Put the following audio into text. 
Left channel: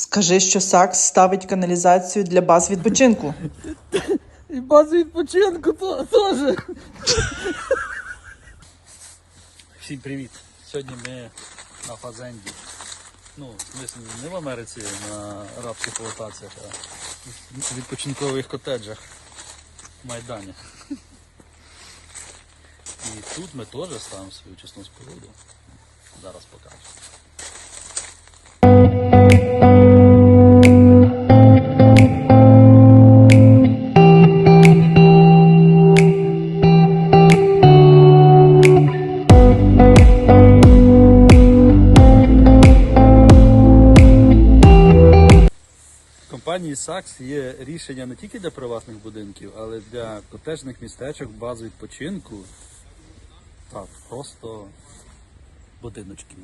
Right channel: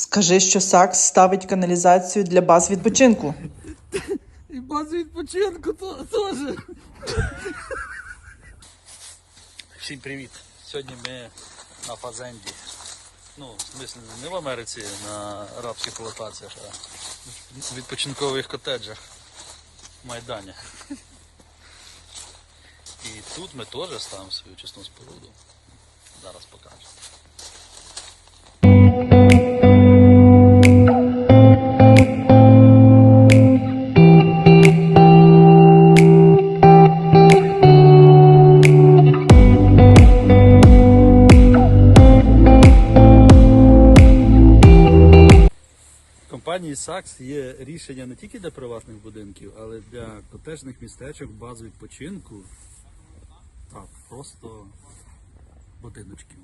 Скажи, що Сакс ставить каналізацію для баз відпочинку. І базу відпочинку теж. Всім привіт! Сьогодні ми на Фазенді. Ну, в смислі, не в Америці на арабських плантаціях, а в відпочинкових котеджах в Майдані. І тут ми теж ставимо свою чесну споруду. Зараз покажу. Компанії САКС є рішення не тільки для приватних будинків, але для котежних містечок, баз відпочинку та просто будиночків.